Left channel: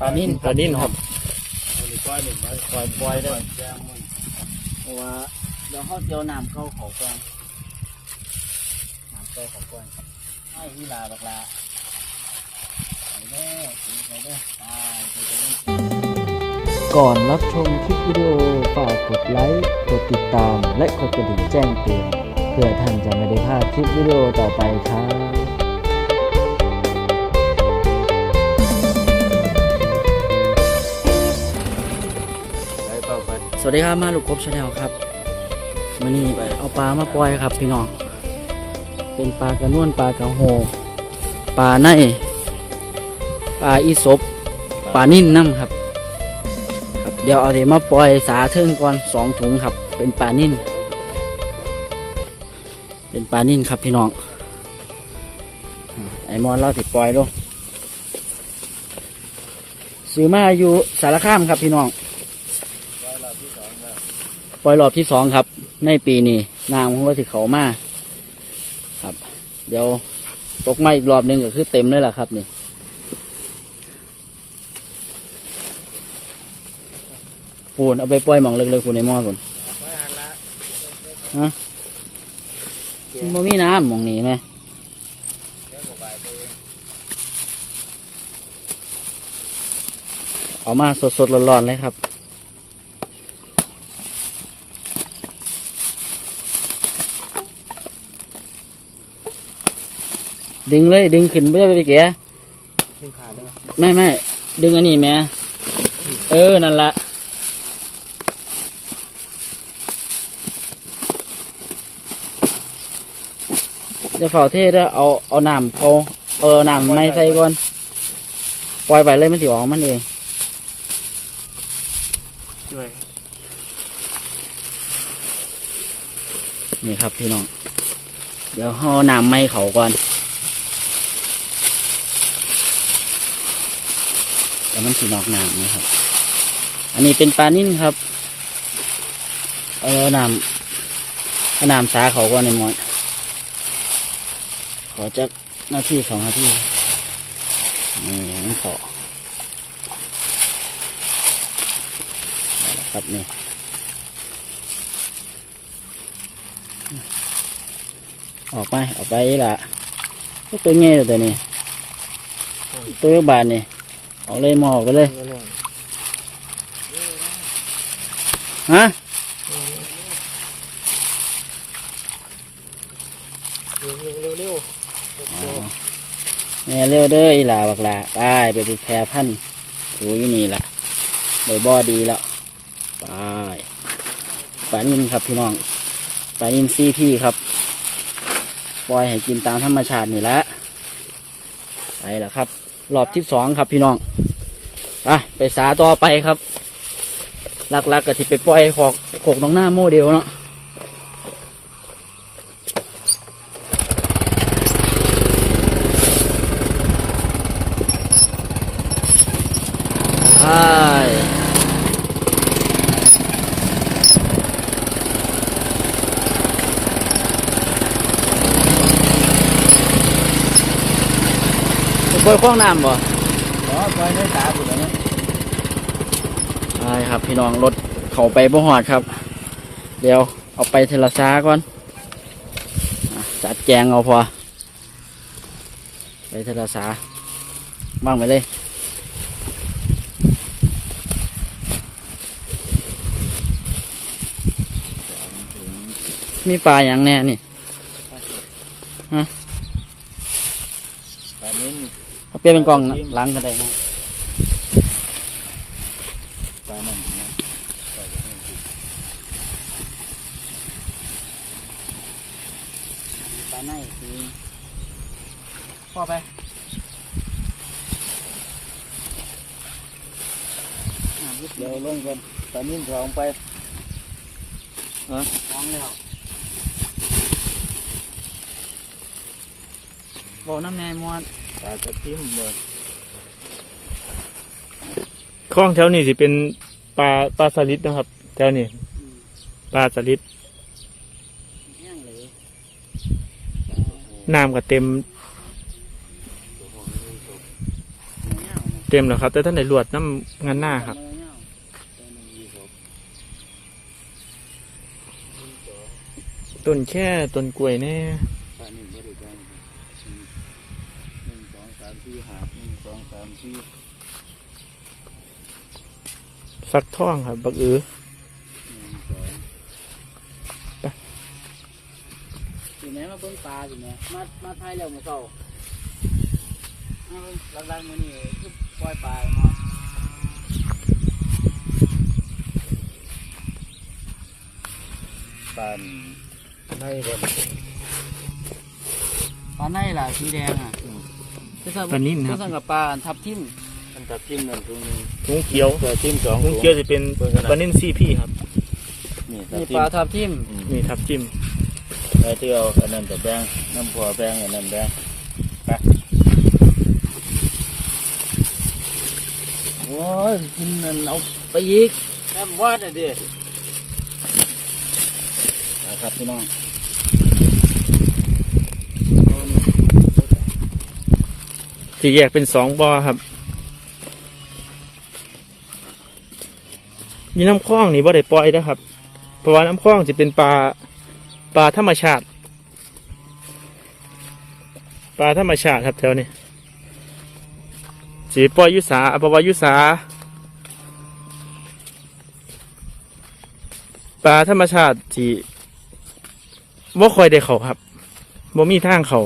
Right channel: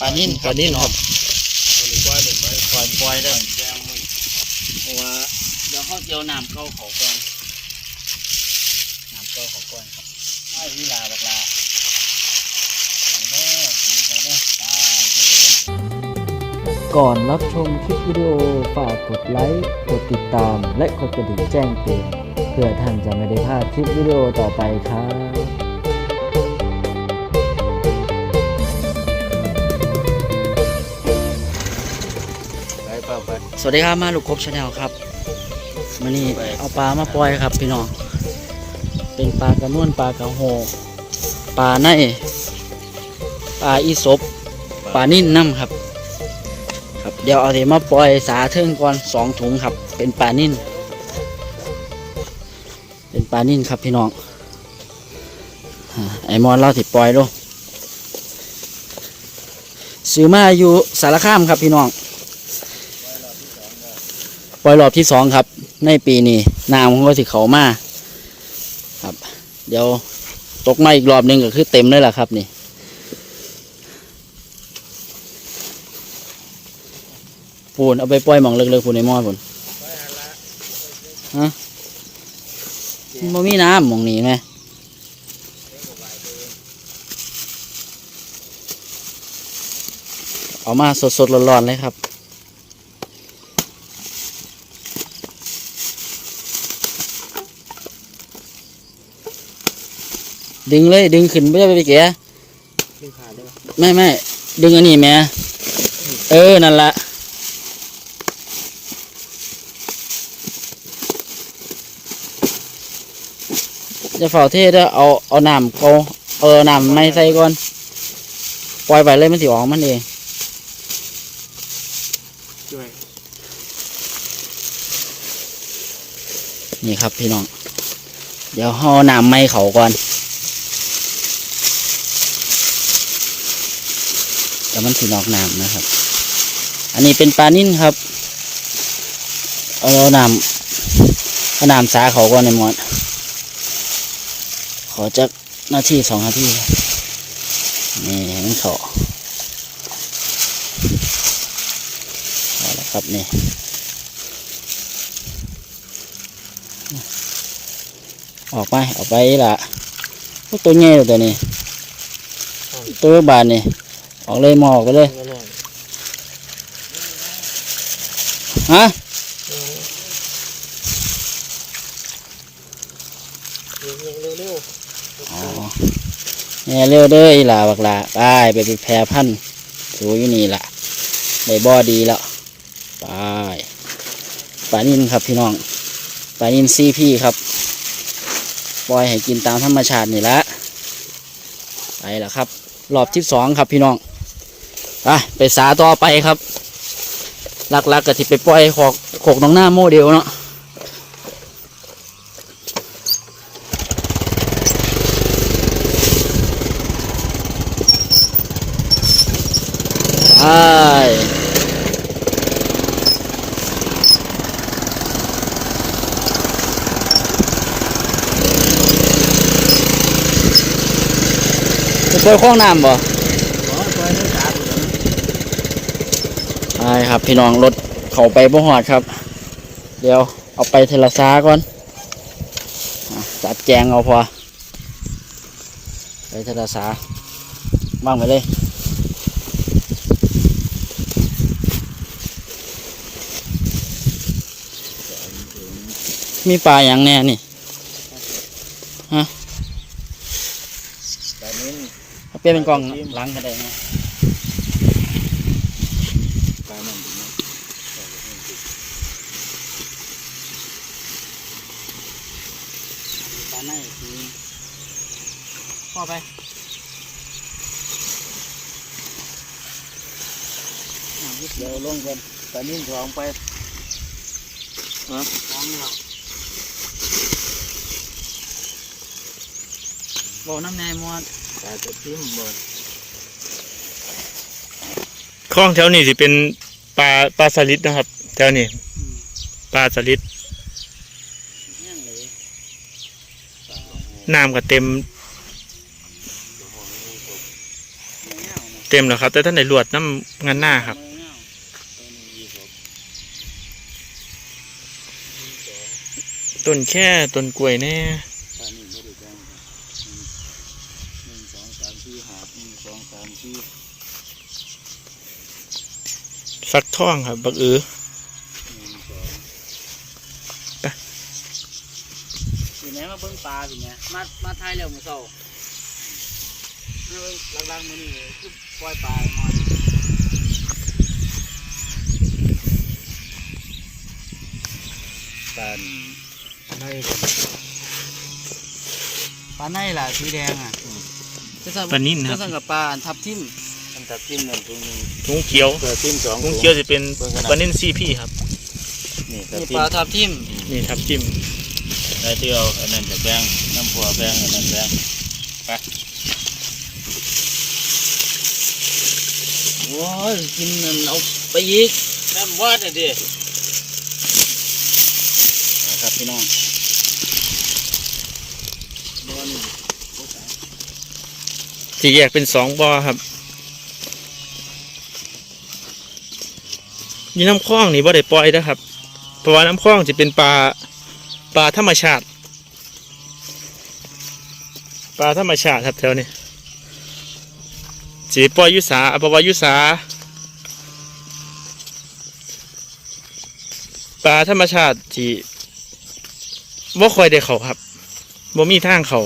ปลานิ่นปลานิ่นครับปล่อยปล่อยได้เพราะว่าเดี๋ยวเขาเจียวน้ำเข้าเขาก่อนน้ำเข้าเขาก่อนครับให้วิลาบักลาไปเด้อไปเด้อไปเด้อไปก่อนรับชมคลิปวิดีโอฝากกดไลค์กดติดตาม และกดกระดิ่งแจ้งเตือนเพื่อท่านจะไม่ได้พลาดคลิปวิดีโอต่อไปครับ สวัสดีครับมาลูกกบชาแนลครับมันนี่เอาปลามาปล่อยครับพี่น้องเป็นปลากระนวนปลากระโหปลาในปลาอีสบปลานิ่นน้ำครับ ครับเดี๋ยวเอาเดี๋ยวมาปล่อยสาเทิงก่อนสองถุงครับ เป็นปลานิ่นเป็นปลานิ่นครับพี่น้องไอมอนเล่าติดปล่อยลูกซื้อมาอยู่สารคามครับพี่น้อง ปล่อยรอบที่สองครับ ในปีนี้น้ำของก็สิเขามาครับ เดี๋ยวตกมาอีกรอบหนึ่งก็คือเต็มเลยล่ะครับนี่ปูนเอาไปปล่อยหมองเล็กๆปูนในหม้อปูนฮะมันมีน้ำหมองนี้ไหมเอามาสดๆร้อนๆเลยครับ ดึงเลยดึงขึ้นไม่ได้ไปเสียขึ้นขาได้ปะไม่ไม่ดึงอันนี้แม่เออนั่นละจะเฝ้าเทได้อเอาเอาน้ำเอาเออน้ำไม่ใส่ก่อน ปล่อยไปเลยมันสิออกมันเองช่วยนี่ครับพี่น้อง เดี๋ยวห่อาน้ำไม่เขาก่อน แต่มันสีนอกน้ำนะครับ อันนี้เป็นปลานิ่นครับ เอาน้ำเอาน้ำสาเขาก่อนในหมดขอจักนาทีสองนาทีนี่มันเขาเอาละครับนี่ออกไปออกไปละตัวใหญ่เลยตัวนี้ตัวบานนี่ ออกเลยหมอออกไปเลยเรื่องฮะเร็วเร็วเร็วอ๋อเนี่ยเร็วเด้ออีหลาบักหลาไปไปไปแพร่พันธุ์สูอยู่นี่ละได้บ่อดีแล้วไปปลานินครับพี่น้องปลานินซีพี่ครับ ปล่อยให้กินตามธรรมชาตินี่ละไปละครับ รอบที่สองครับพี่น้องไปไปสาต่อไปครับหลักๆกก็ที่ไปปล่อยขอกขกน้องหน้าโมเดลเนาะ จะช่วยคล้องน้ำบ่อ๋อปล่อยให้ตาอยู่แล้วนะใช่ครับพี่น้องรถเขาไปบ่หอดครับ เดี๋ยวเอาไปเทละซาก่อนอะจัดแจงเอาพอ ไปเทละซาว่างไปเลยมีปลาอย่างแน่นี่ปลานิ่น เอาเปลี่ยนเป็นกล่องหล้างกันได้นะปลามันนะปลาในคือพ่อไปเดี๋ยวลงกันปลานิ่นท้องไปท้องแล้วบอกน้ำในมอด ปลาจะพิมพ์บนคลองแถวนี้สิเป็นปลาปลาสลิดนะครับ แถวนี้ปลาสลิดน้ำก็เต็ม เต็มแล้วครับ แต่ท่านได้ลวดน้ำงานหน้าครับต้นแค่ต้นกล้วยแน่ ปลานิ่มก็ได้กันหนึ่งสองสามสี่หาดหนึ่งสองสามสี่ ฟักทองครับ บักอือหนึ่งสองสิแม่มาเบิ่งปลาสิแม่มา มาไทยแล้วมื้อเช้าลังๆมื้อนี้คือปล่อยปลาหมดปลาในบนปลาในล่ะสีแดงอะจะสั่งปลานิ่นครับจะสั่งกับปลาอันทับทิม อันตัดจิ้มหนึ่งถุงหนึ่งถุงเขียวตัดจิ้มสองถุงเขียวจะเป็นปลานิ่นซีพี่ครับ นี่ตัดนี่จิ้ปมลาทับทิมนี่ทับจิ้มไอ้ที่เอาอันนั้นจะแบงน้ำพัวแบงอันนั้นแบงไปโอ้ยกินมันเอาไปอีกน้ำวาดน่ะดินะครับพี่น้องที่แยกเป็นสองบ่อครับ นี่น้ำคลองนี่บ่ได้ปล่อยนะครับ เพราะว่าน้ำคลองจะเป็นปลาปลาธรรมชาติปลาธรรมชาติครับแถวนี้สีปล่อยยุสาเพราะว่ายุสาปลาธรรมชาติที่ว่าคอยได้เขาครับบ่มีทางเขา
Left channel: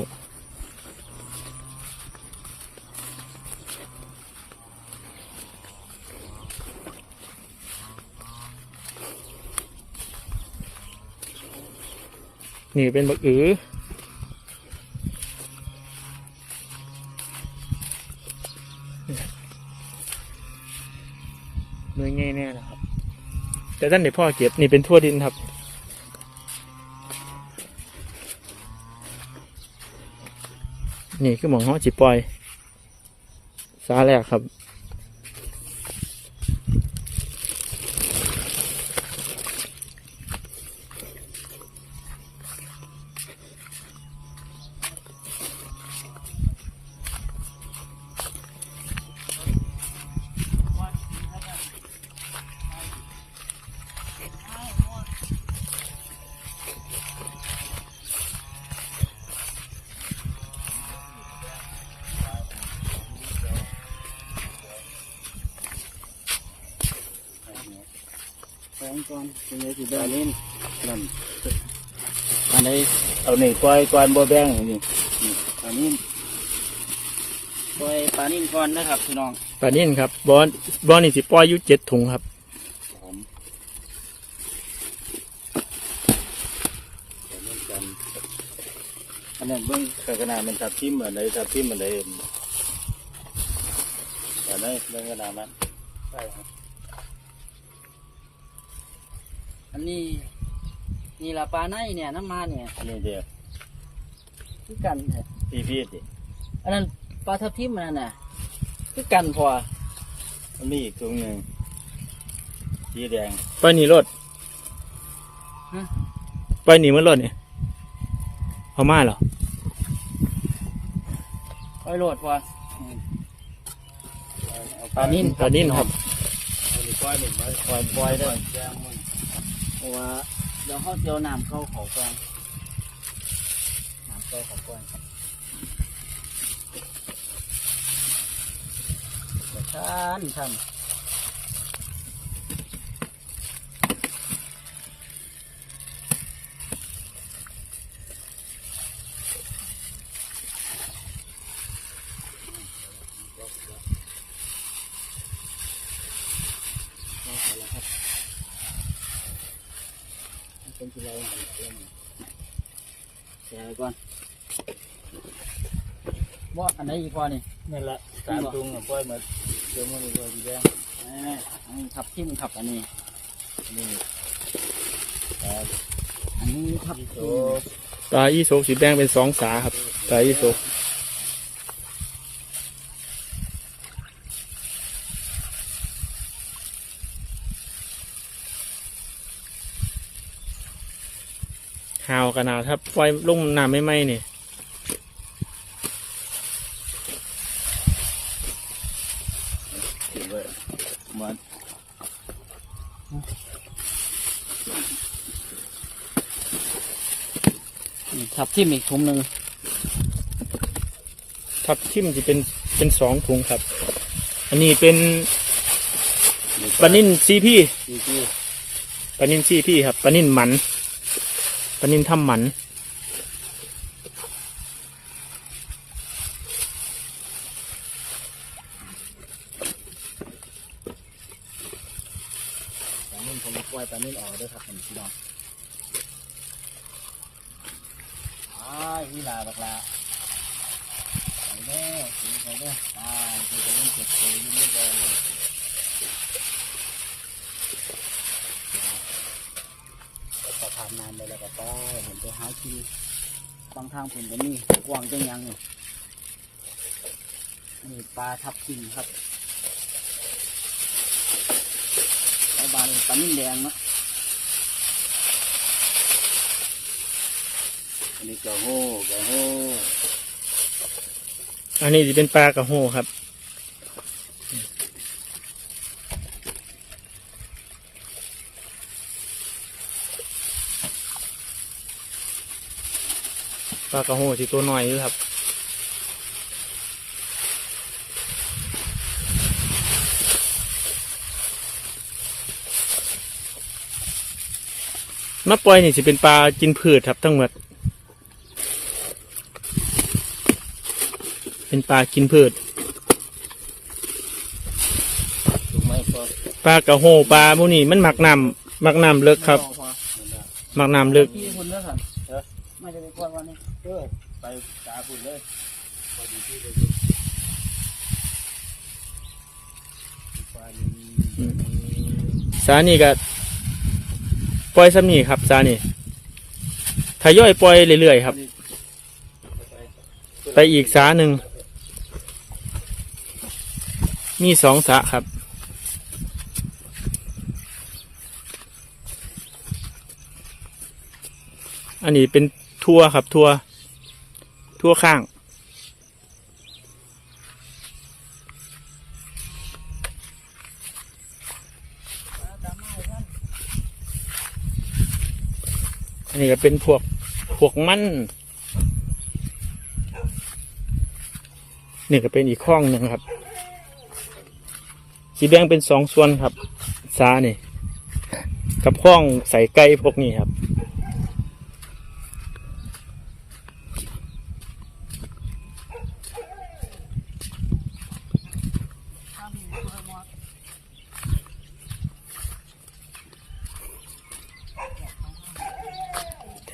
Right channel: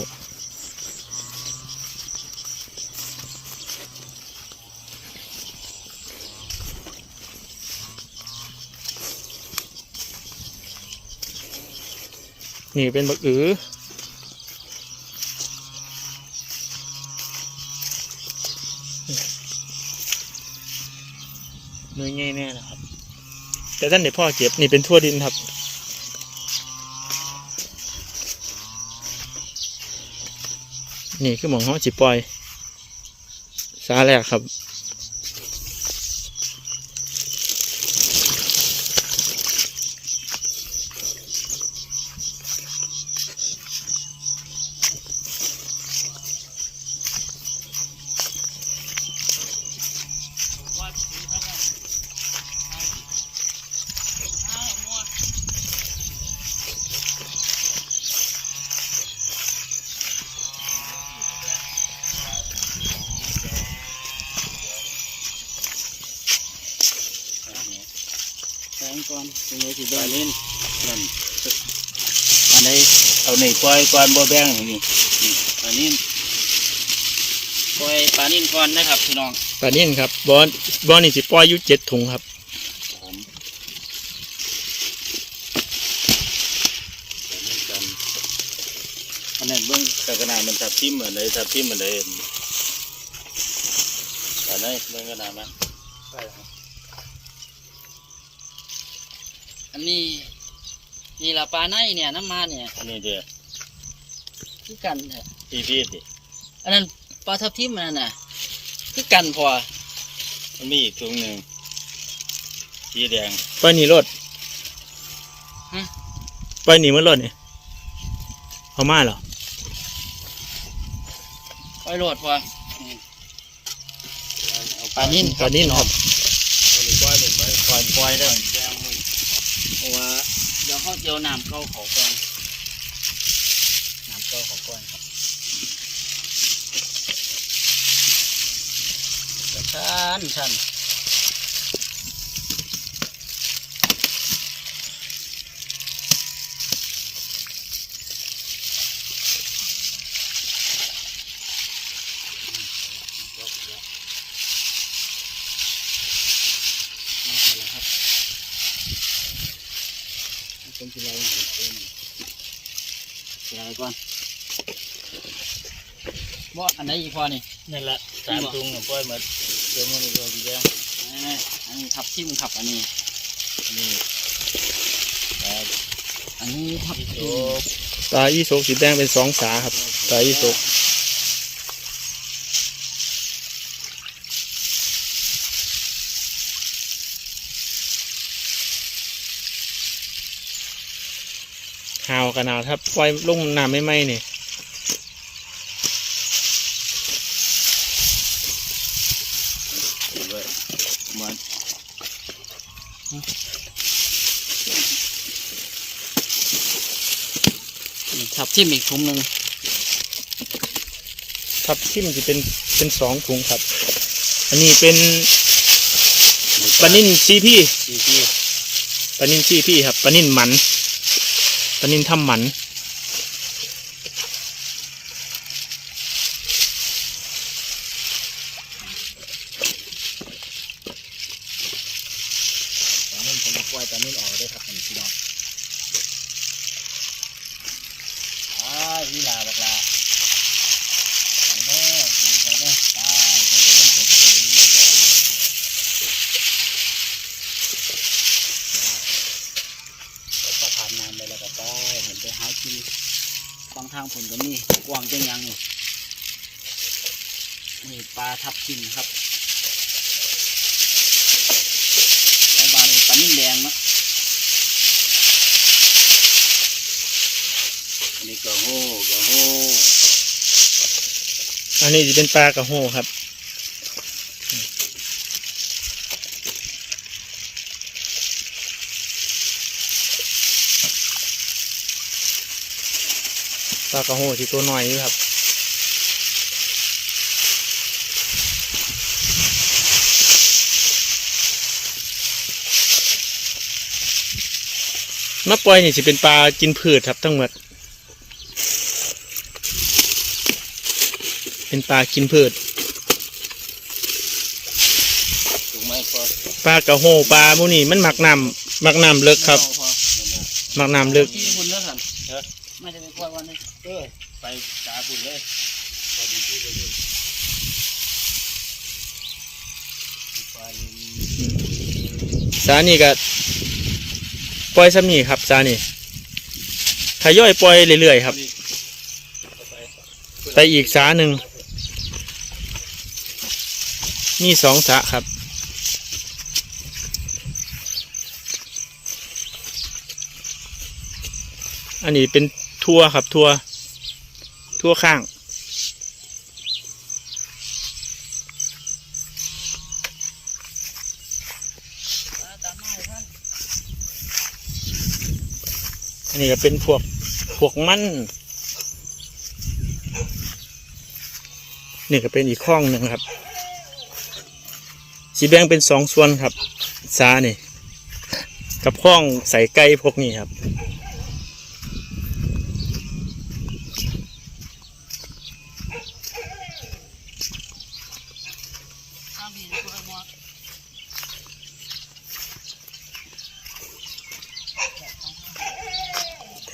นี่เป็นบักอือเนื้อง่ายแน่นะครับ แต่ท่านเดี๋ยวพ่อเก็บนี่เป็นทั่วดินครับ นี่คือหมองห้องจิปล่อย สาแรกครับ แสงก่อนเป็นไงสิปแบ่ลางนิ่นนั่นอันไหนเอาหนึ่งปล่อยก่อนบ่แบงนี่นี่ปลานิ่นปล่อยปลานิ่นก่อนนะครับพี่น้องปลานิ่นครับบอนบอนนี่สิปล่อยอยู่เจ็ดถุงครับผมปลานิ่นกันอันนั้นเบิ่งกระนาดมันทับทิมเหมือนเลยทับทิมเหมือนเลยอันไหนเบิ่งกระนาดนั้นใช่ครับ อันนี้นี่ละปลาในเนี่ยน้ำมาเนี่ยอันนี้เดียวคือกันแท้พี่พี่ดิอันนั้นปลาทับทิมมันนั่นน่ะคือกันพอมันมีอีกถุงหนึ่งสีแดงไปหนีรถไปหนีมันรถเนี่ยเอามาเหรอปล่อยโหลดพอปลานิ่นปลานิ่นครับ เอาหนึ่งก้อนหนึ่งไว้ปล่อยปล่อยได้แจ้งให้เพ ราะว่าเดี๋ยวเขาเจียวน้ำเข้าเขาก่อนน้ำเข้าเขาก่อนครับชันชันเอาไปแล้วครับ เป็นที่เราเห็นเองเดี๋ยวก่อนว่าอัน ไหนอีกพอนี่นั่นแหละสามถุงอะปล่อยหมดเดี๋ยวมันก็สีแดงนี่อันนี้ทับทิมทับอันนี้นี่ครับอันนี้ทับพี่ทิโตมปลาอีโศกสีแดงเป็นสองสาครับปลาอีโศกหาวขนาดครับปล่อยลงน้ำไม่ไหมนี่น เหมือน ทับทิมอีกถุงหนึ่งทับทิมจะเป็นเป็นสองถุงครับ อันนี้เป็นปลานิ่นซีพี่ซีพี่ปลานิ่นซีพี่ครับปลานิ่นหมันปลานิ่นทำหมัน ตอนนี้ผมปล่อยตอนนี้ออกได้ครับผมพี่น้องอ่าอีหลาบักลาไปเด้อไปเด้อไปเด้ออ่าไปเล่นเสร็จไปเล่นไม่แดงเลยพอผ่านน้ำไปแล้วก็ไปเห็นไปหากินบางทางผลก็มีกวางจังยังนี่นี่ปลาทับทิมครับแล้วบานปลานิ่มแดงเนาะอันนี้กระโหกระโหอันนี้จะเป็นปลากระโหครับ ลากระโหที่ตัวหน่อยอยู่ครับมาปล่อยนี่สิเป็นปลากินพืชครับทั้งหมด เป็นปลากินพืช ปลากระโหปลาพวกนี้มันหมักน้ำหมักน้ำเลิกครับหมักน้ำเลิก ที่คุณเลิกกันไม่จะไปกวนวันนี้ เออไปจ่าบุญเลยพอดีที่ไปดูปลานิล สานี่ก็ปล่อยซ้ำนี่ครับสานี่ทยอยปล่อยเรื่อยๆครับ ไปอีกสาหนึ่งนี่สองสาครับอันนี้เป็นทั่วครับทั่วทั่วข้าง นี่ก็เป็นพวกพวกมัน นี่ก็เป็นอีกข้องหนึ่งครับ สีแบงเป็นสองส่วนครับซานี่ กับข้องใส่ไก่พวกนี้ครับ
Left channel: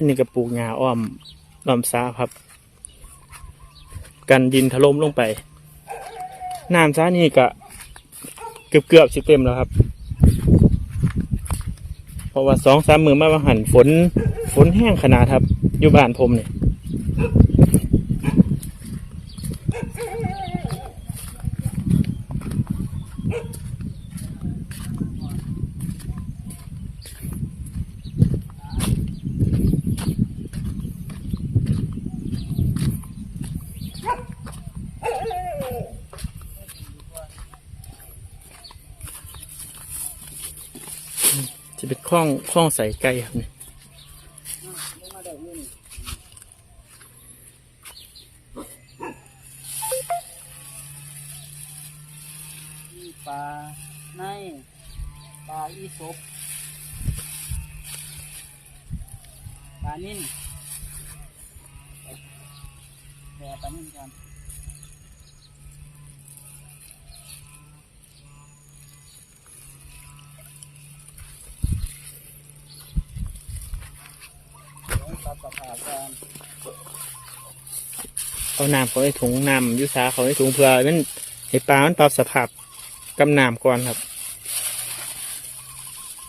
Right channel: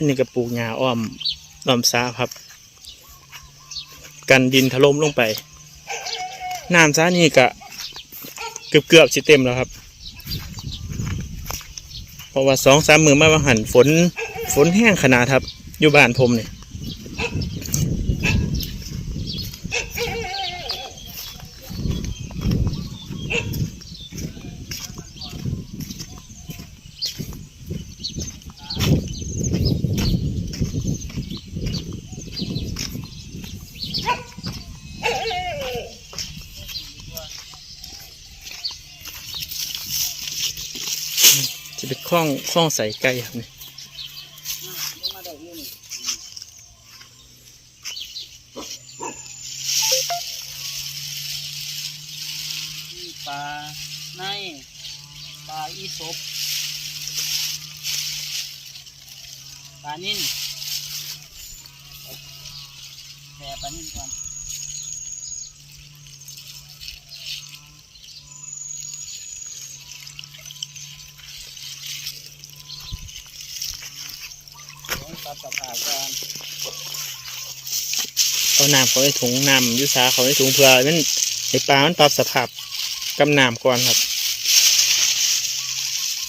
นี่ก็ปลูกหญ้าอ้อมอ้อมซาครับ กันดินถล่มลงไปน้ำซานี่ก็เกือบเกือบๆสิเต็มแล้วครับ เพราะว่าสองสามมือมาว่าหันฝนฝนแห้งขนาดครับอยู่บ้านผมเนี่ย จะเป็นคล้องคล้องใส่ไก่ครับนี่ยปลาในปลาอีสบปลานิ่นแผ่ปลานิ่นก่อน เดี๋ยวปรับสภาพก่อนเอาน้ำเขาในถุงน้ำยุสาเขาในถุงเพื่อมันในปลามันปรับสภาพกำน้ำก่อนครับ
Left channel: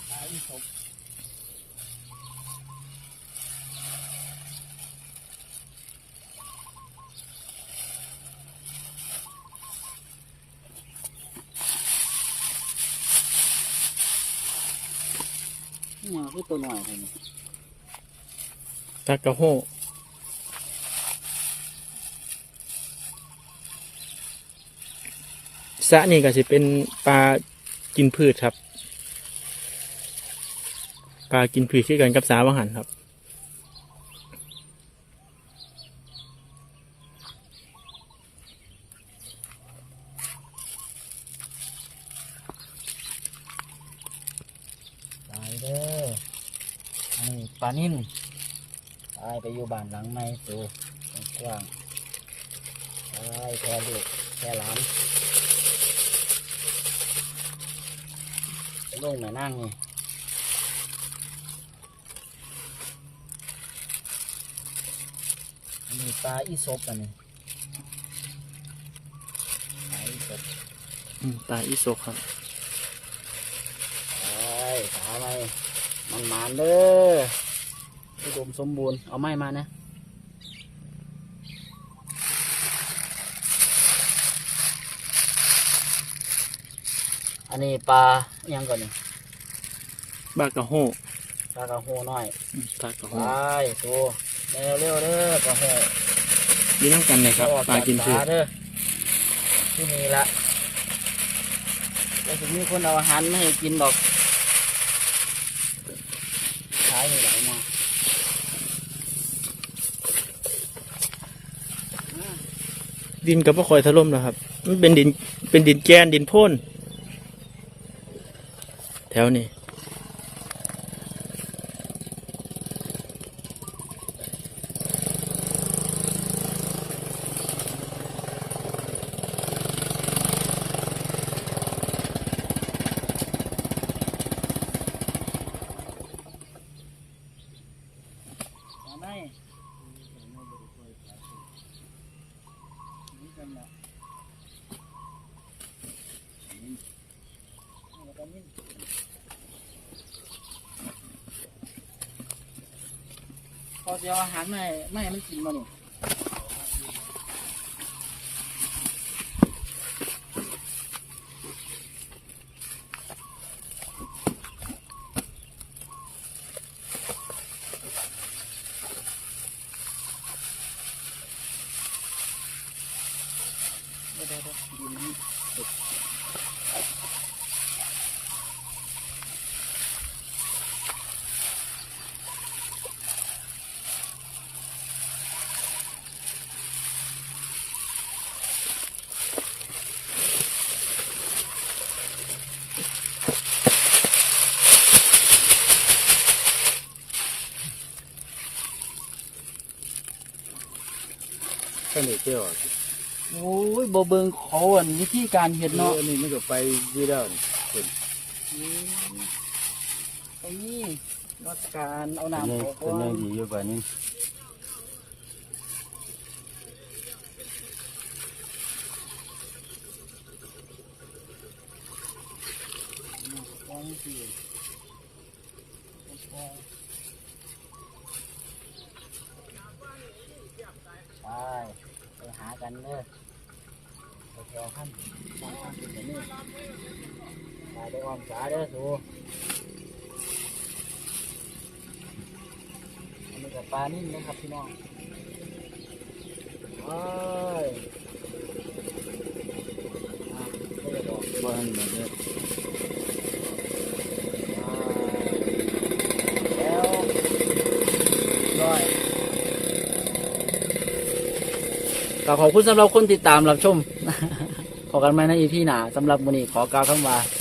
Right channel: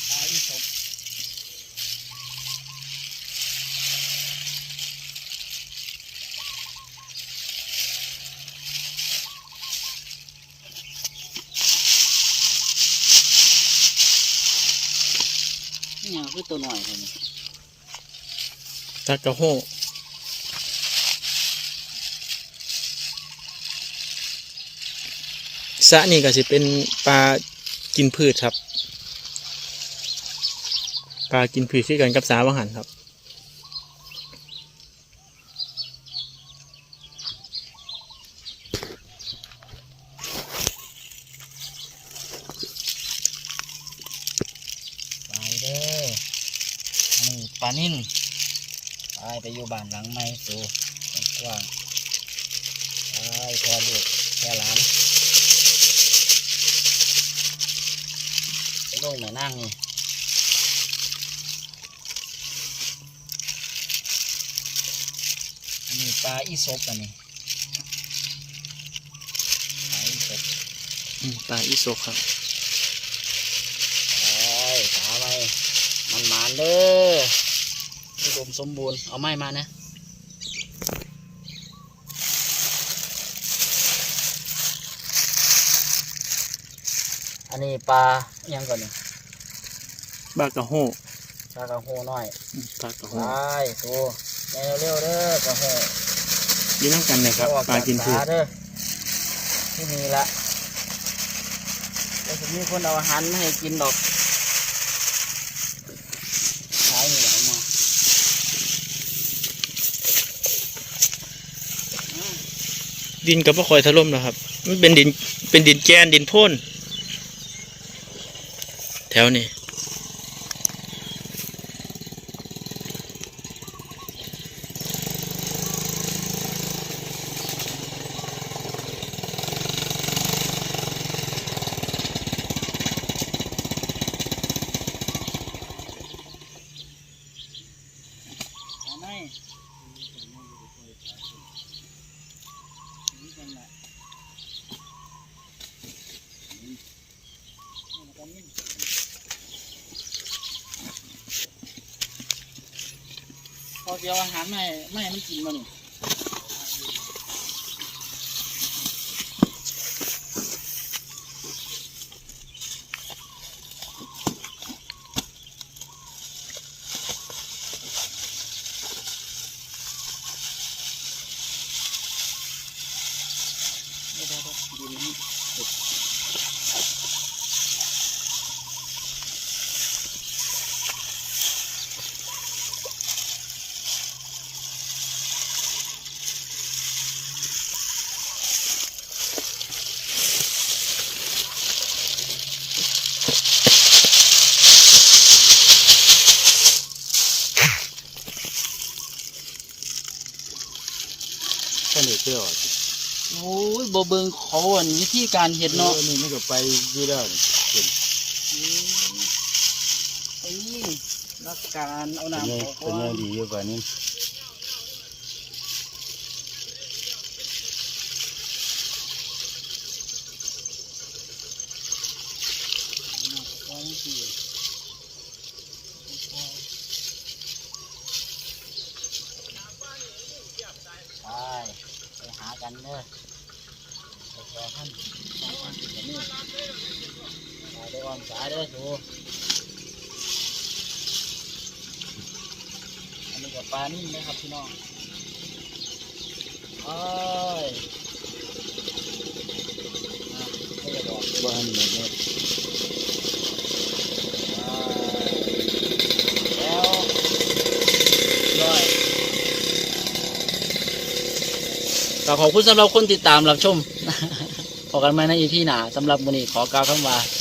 ปลาอีสบ นี่ยังคือตัวหน่อยเท่านี้ ตากระโหสะนี่ก็สิเป็นปลากินพืชครับ ปลากินพืชที่กันกับสาวังหันครับ ไปเด้ออันนี้ปลานิ่นไปไป อยู่บ้านหลังใหม่สูกว้างไปพอลูกแค่หลานไปลงแม่นั่งนี่อันนี้ปลาอีศบอันนี้ปลาอีศบอืมปลาอีโซกครับไปสาวไปมันหมานเด้อ อุดมสมบูรณ์ เอาไม้มาเนี่ยอันนี้ปลาอิหยังกันนี่ปลากระโหปลากระโหน้อยอืมปลากระโหไปตัวเร็วเร็วๆเด้อกระโหกินน้ำกันเลยครับปลากินพืชเด้อที่นี่ละแล้วจะมีคนเอาอาหารมาให้กินดอกขายนี่ไหลมา ดินกับพ่าคอยถล่มนะครับ มันเป็นดินเป็นดินแกนดินโพ่นแถวนี้ เอาไหมนี่กันละนี่แล้วก็นี่ พอจะเอาอาหารไม่ไม่ให้มันกินมานี่เดี๋ยวเดี๋ยวเดี๋ยวดินนี่ แค่นี้เพื่อ โอ้ย บ่เบิงเขาอันวิธีการเห็ดเนาะเนาะอันนี้มันก็ไปอยี่แล้วนี่ไอ้นี่นักการเอาเป็นน้ำยังออกเป็นก่อยันงดีอยู่กว่านี้ ก่อนสิไปไปหากันเด้อไปแชร์ท่านสองท่านเป็นแบบนี้ไปได้ออม สูอันนี้กับปลานิ่มนะครับพี่น้องเอ้ยอะไม่ได้บอกบ้านแบบนี้แล้วร้อย ก็ขอบคุณสำหรับคนติดตามรับชมขอกันไหมในอีพีหนาสำหรับวันนี้ขอกล่าวคำว่าส